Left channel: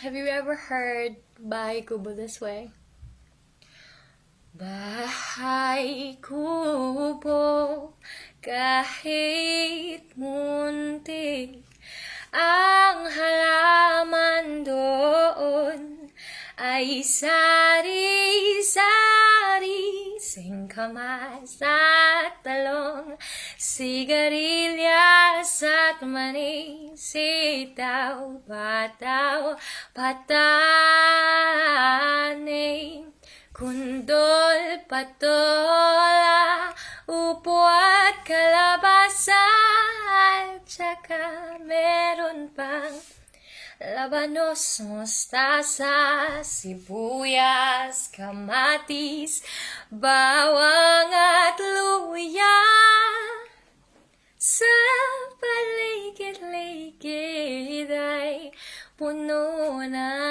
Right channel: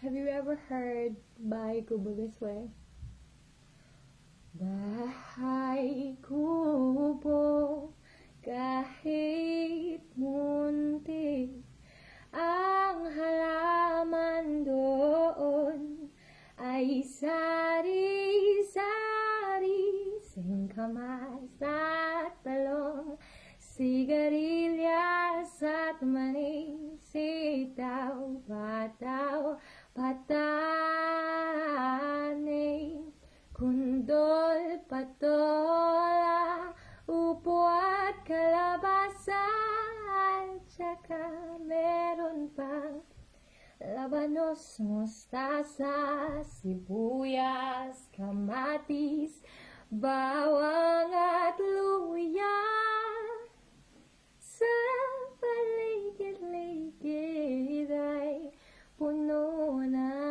Have you ever heard Bahay Kubo this way? Bahay kubo, kahit muntik ang halaman doon ay sari-sari, singkamas at talong, sigarilyas at mani, sitaw, bataw, patani, kundol, patola, upo at kalabasa, at saka meron pang labanos, mustasa, sibuyas, kamatis, bawang at luya. Sa paligid-ligid ay puno na